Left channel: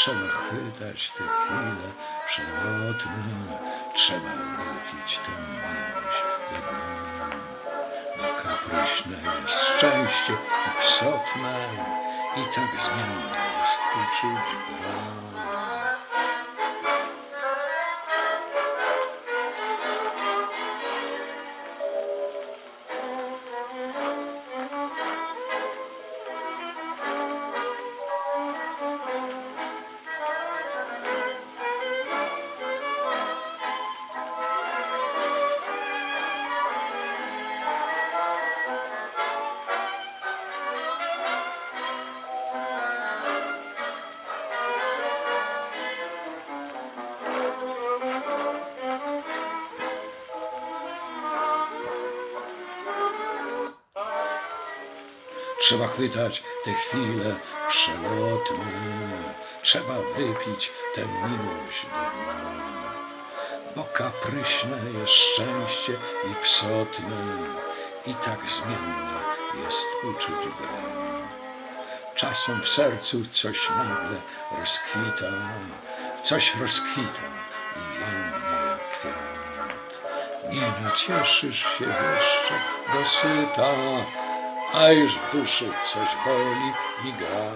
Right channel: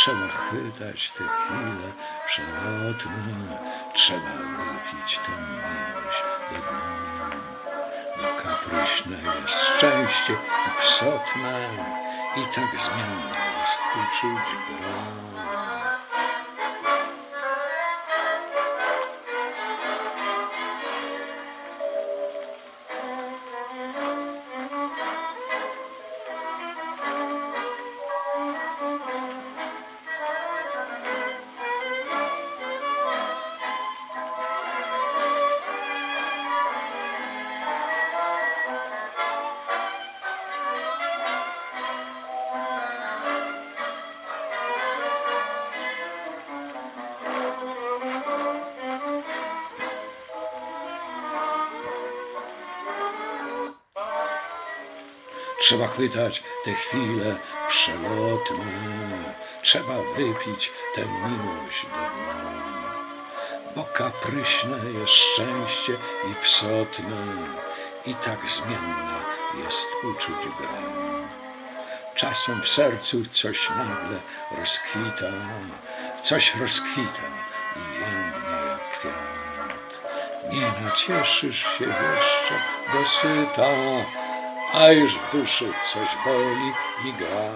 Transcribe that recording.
Trzeba chwytać te chwile przelotne, trzeba wypić tę miłość do dna. Bo kapryśne jest szczęście i psotne, i tak zmienne jest uczuć gra. Trzeba chwytać te chwile przelotne, trzeba wypić tę miłość do dna. Bo kapryśne jest szczęście i psotne, i tak zmienna jest uczuć gra. Czasem w sercu coś nagle rozkwita, coś rozkwita i więdnie jak kwiat. Nie nacieszysz się jeszcze dosyta, a już w duszy coś boli i gra.